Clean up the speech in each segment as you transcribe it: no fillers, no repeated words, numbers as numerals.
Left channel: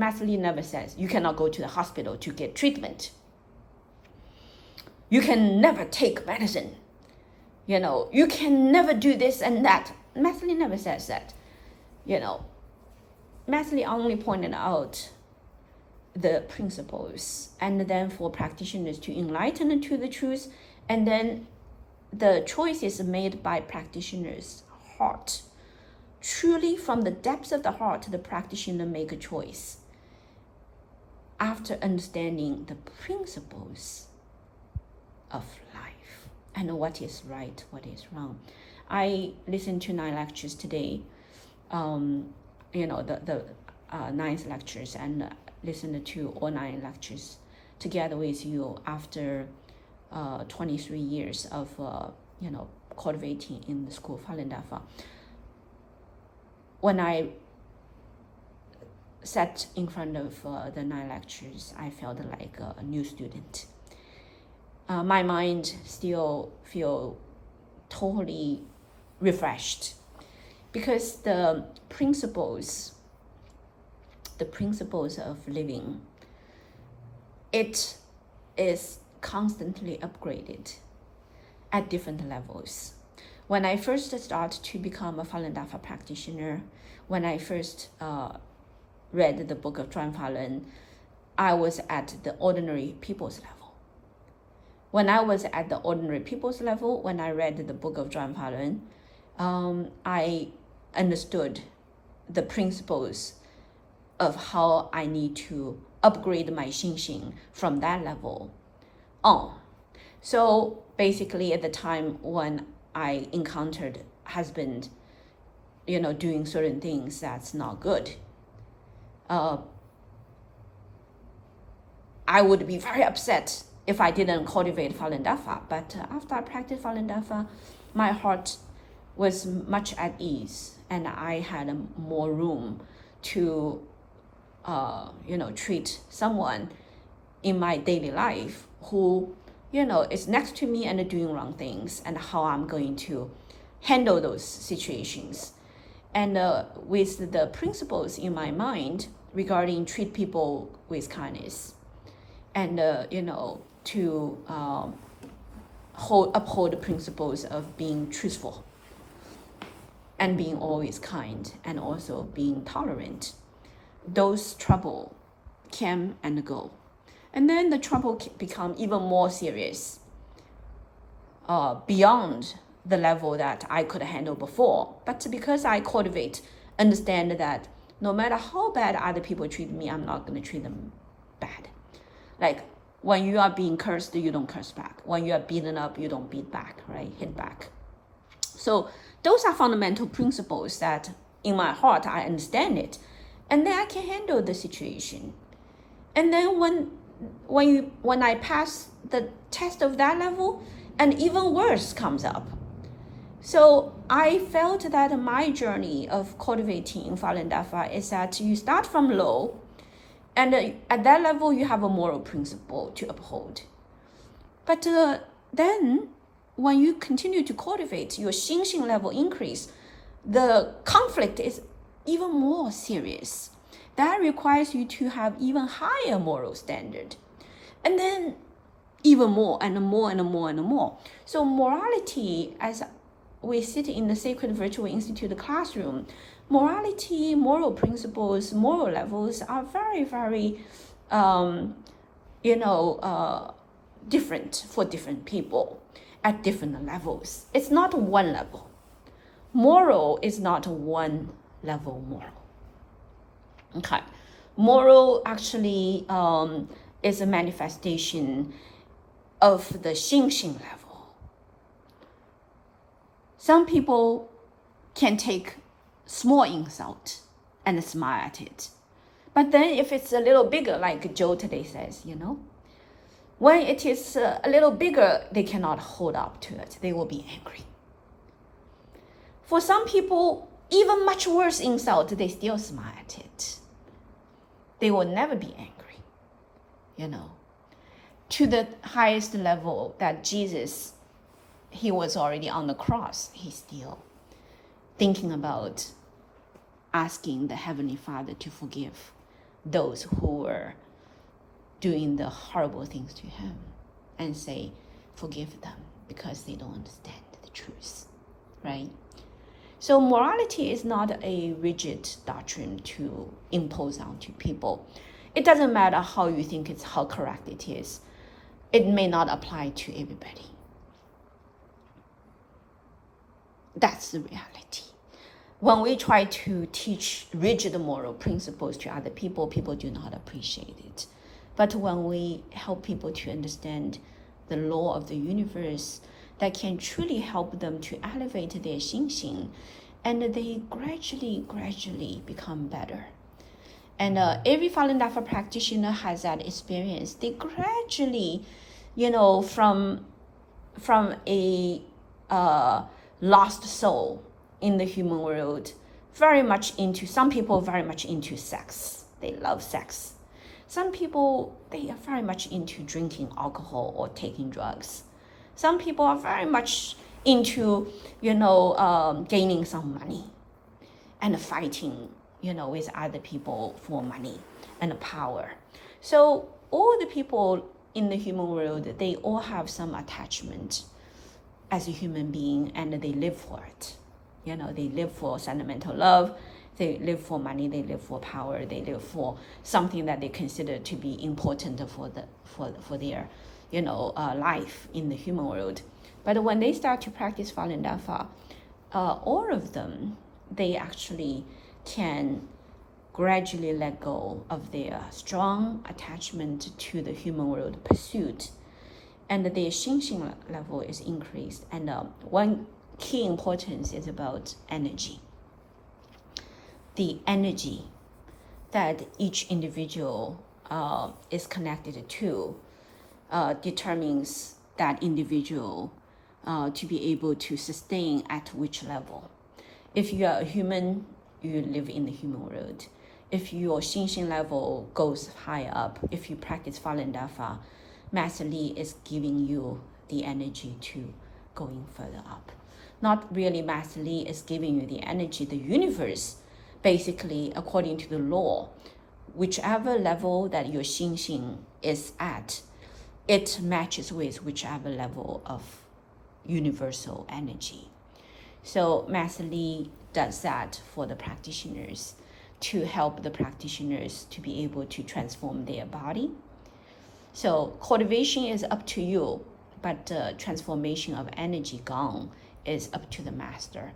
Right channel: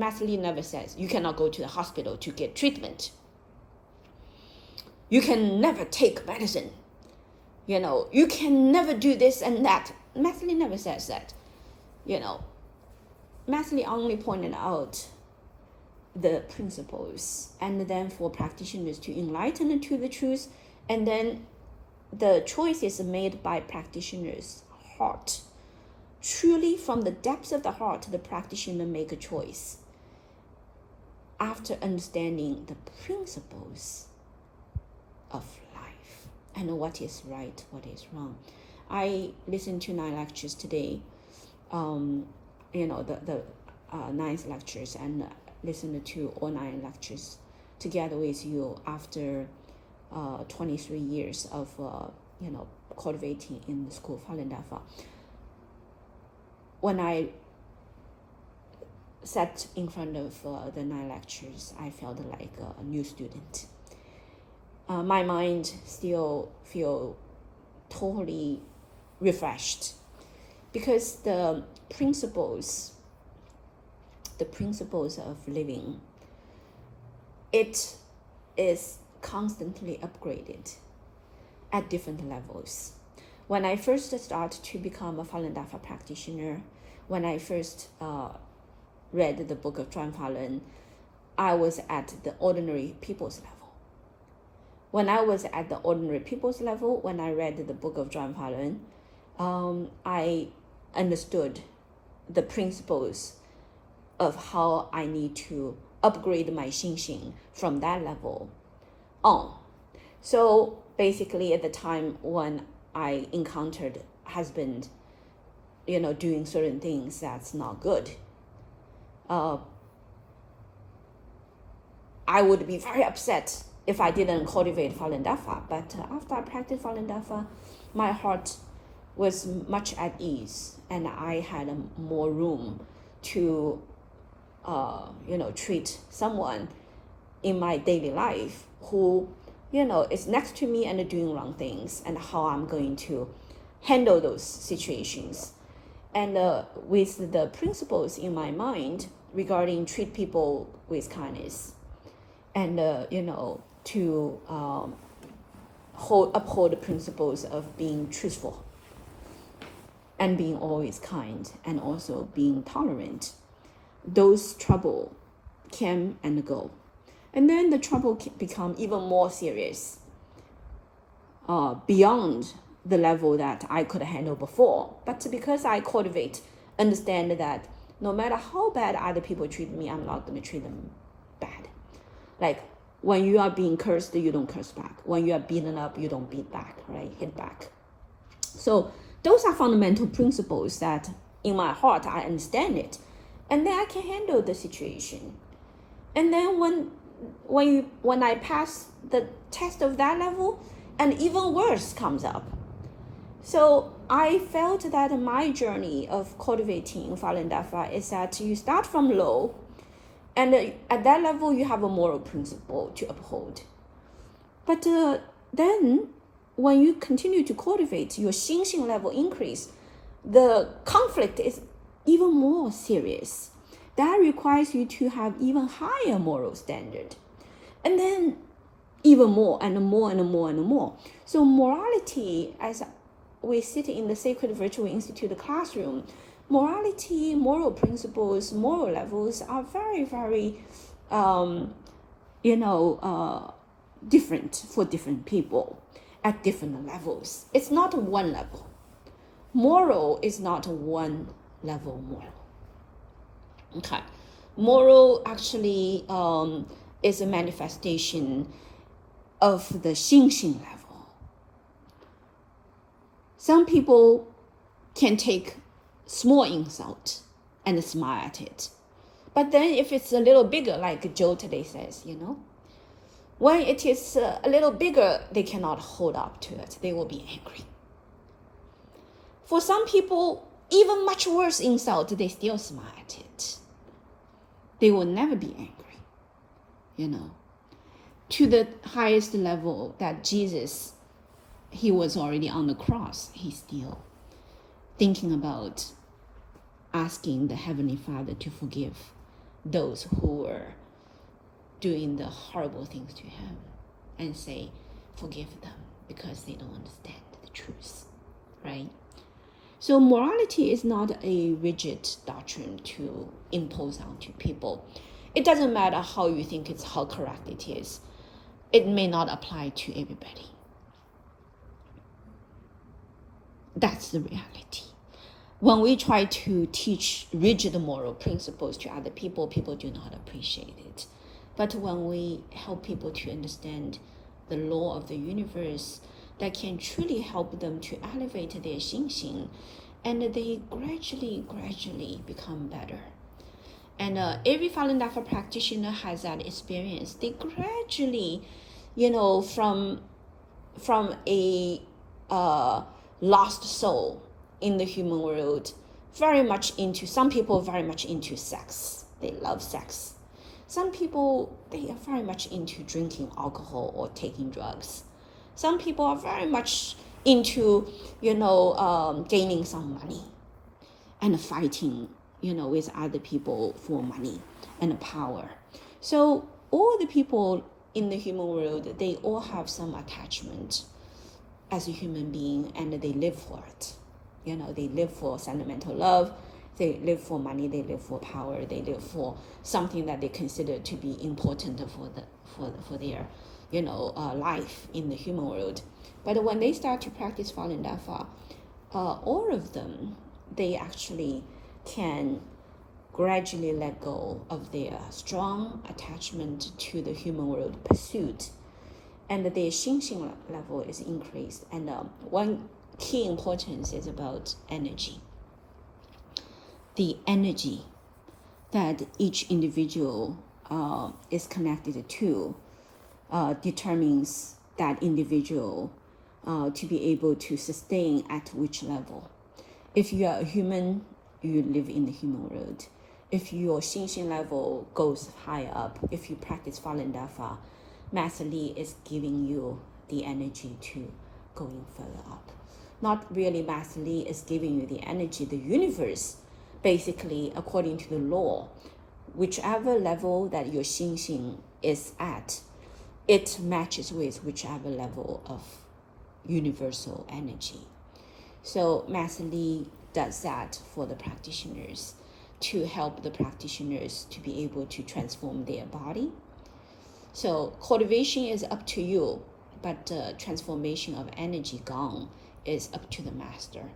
Master Lee never says you cannot go to the hospital to get treatment. You can never take medicine. You can never do this and that. Master Lee never says that. Master Lee only pointed out the principles, and then for practitioners to enlighten to the truth, and then the choice is made by practitioners' heart. Truly from the depths of the heart, the practitioner make a choice after understanding the principles of life and what is right, what is wrong. I listened to 9 lectures today, the 9 lectures, and listened to all 9 lectures together with you after 23 years of cultivating in the school of Falun Dafa. When I sat in front of the 9 lectures, I felt like a new student. My mind still feel totally refreshed, because the principles of living, it is constantly upgraded at different levels. When I first started to become a Falun Dafa practitioner, when I first read the book of Zhuan Falun, I was at the ordinary people's level. When I was at the ordinary people's level, when I read the book of Zhuan Falun, I understood the principles of how I need to upgrade my xingxing from that level on. So basically at the time when I encountered husband, doing certain things that's not good, I would be very upset if I didn't cultivate Falun Dafa. But after I practiced Falun Dafa, my heart was much at ease, and I had more room to treat someone in my daily life who is next to me and doing wrong things, and how I'm going to handle those situations. And with the principles in my mind regarding treat people with kindness, and to uphold the principles of being truthful and being always kind, and also being tolerant, those trouble came and go. And then the trouble become even more serious, beyond the level that I could handle before. But because I understand that no matter how bad other people treat me, I'm not going to treat them bad. Like when you are being cursed, you don't curse back. When you are beaten up, you don't beat back, right? Hit back. So those are fundamental principles that in my heart, I understand it. And then I can handle the situation. And then when I pass the test of that level, and even worse comes up. So I felt that my journey of cultivating Falun Dafa is that you start from low, and at that level you have a moral principle to uphold. But then when you continue to cultivate, your xingxing level increase, the conflict is even more serious. That requires you to have even higher moral standard. And then even more and more and more and more. So morality, as we sit in the Sacred Virtual Institute classroom, morality, moral principles, moral levels are very, very, different for different people at different levels. It's not one level. Moral is not one level moral. Okay. Moral actually is a manifestation of the xingxing level. Some people can take small insult and smile at it. But then if it's a little bigger, like Joe today says, when it is a little bigger, they cannot hold up to it. They will be angry. For some people, even much worse insult, they still smile at it. They will never be angry, To the highest level that Jesus, he was already on the cross, he's still thinking about asking the Heavenly Father to forgive those who were doing the horrible things to him and say, forgive them because they don't understand the truth, right? So morality is not a rigid doctrine to impose onto people. It doesn't matter how you think it's how correct it is. It may not apply to everybody. That's the reality. When we try to teach rigid moral principles to other people, people do not appreciate it. But when we help people to understand the law of the universe, that can truly help them to elevate their xingxing, and they gradually become better. And every Falun Dafa practitioner has that experience. They gradually, from a lost soul in the human world, some people very much into sex. They love sex. Some people, they are very much into drinking alcohol or taking drugs. Some people are very much into, gaining some money and fighting, with other people for money and power. So all the people in the human world, they all have some attachment as a human being, and they live for it. They live for sentimental love, they live for money, they live for power, they live for something that they consider to be important for their life in the human world. But when they start to practice Falun Dafa, all of them, they actually can gradually let go of their strong attachment to the human world pursuit, and their xingxing level is increased. And one key importance is about energy. The energy that each individual is connected to determines that individual to be able to sustain at which level. If you are a human, you live in the human world. If your xingxing level goes higher up, if you practice Falun Dafa, Master Li is giving you the energy to going further up. Not really Master Li is giving you the energy. The universe, basically, according to the law, whichever level that your xingxing is at, it matches with whichever level of universal energy. So Master Li does that for the practitioners to help the practitioners to be able to transform their body. So cultivation is up to you, but transformation of energy gong is up to the master.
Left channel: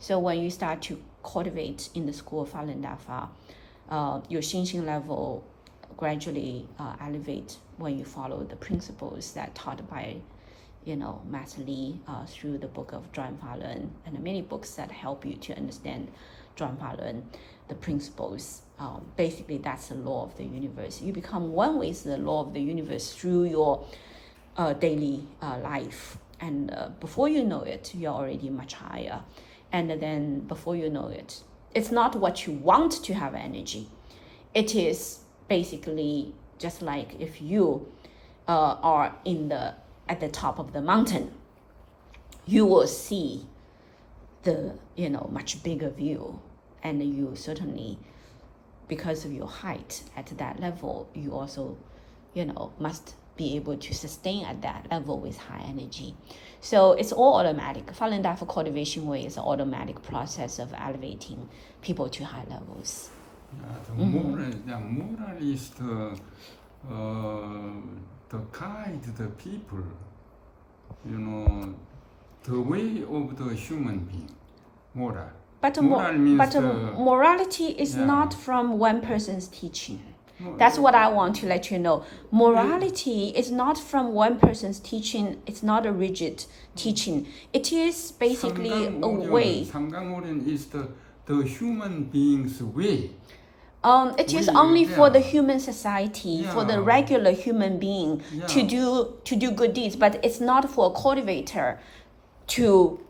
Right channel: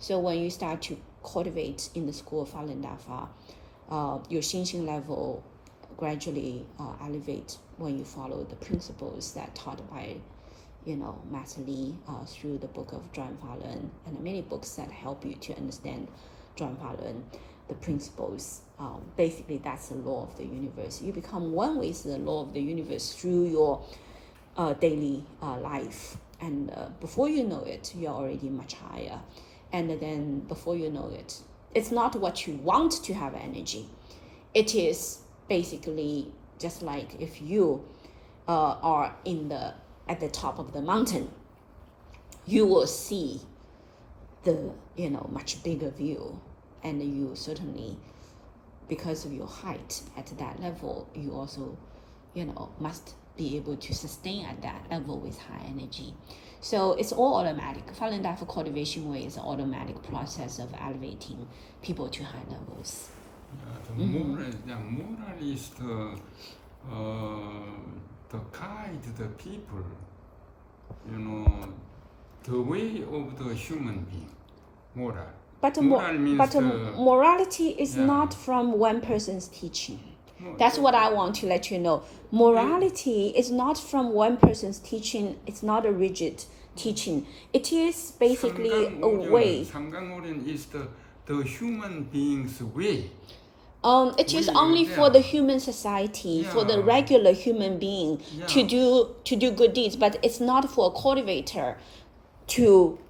So when you start to cultivate in the school of Falun Dafa, your xingxing level gradually elevate when you follow the principles that taught by Master Li through the book of Zhuan Falun and many books that help you to understand Zhuan Falun, the principles. Basically, that's the law of the universe. You become one with the law of the universe through your daily life. And before you know it, you're already much higher. And then before you know it, it's not what you want to have energy. It is basically just like if you are at the top of the mountain, you will see the much bigger view, and you certainly, because of your height at that level, you also must be able to sustain at that level with high energy. So it's all automatic. Falun Dafa cultivation way is an automatic process of elevating people to high levels. The moralist to guide the people, the way of the human being, moral. But means morality is not from one person's teaching. That's what I want to let you know. Morality is not from one person's teaching. It's not a rigid teaching. It is basically a way. Samgang is the human being's way. It is only for the human society, for the regular human being to do good deeds, but it's not for a cultivator to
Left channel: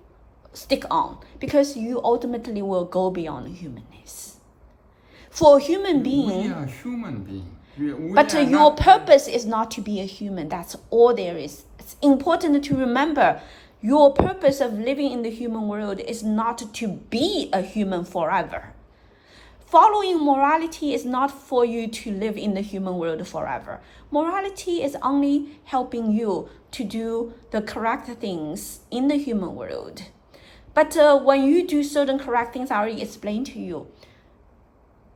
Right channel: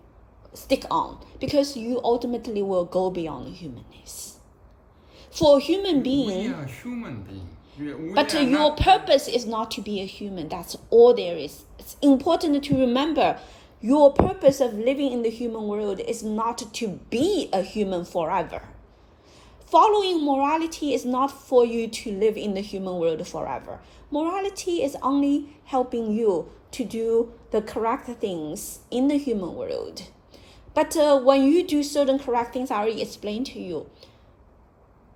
stick on, because you ultimately will go beyond humanness. For a human being, we are human beings. But your purpose is not to be a human. That's all there is. It's important to remember your purpose of living in the human world is not to be a human forever. following morality is not for you to live in the human world forever. Morality is only helping you to do the correct things in the human world. But when you do certain correct things, I already explained to you,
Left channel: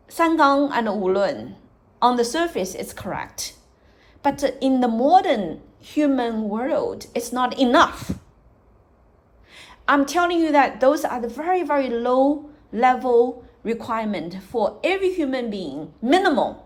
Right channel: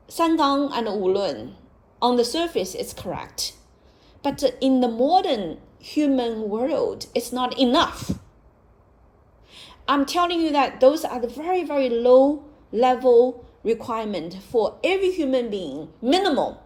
三纲 and 五论, on the surface, it's correct. But in the modern human world, it's not enough. I'm telling you that those are the very, very low level requirement for every human being, minimal.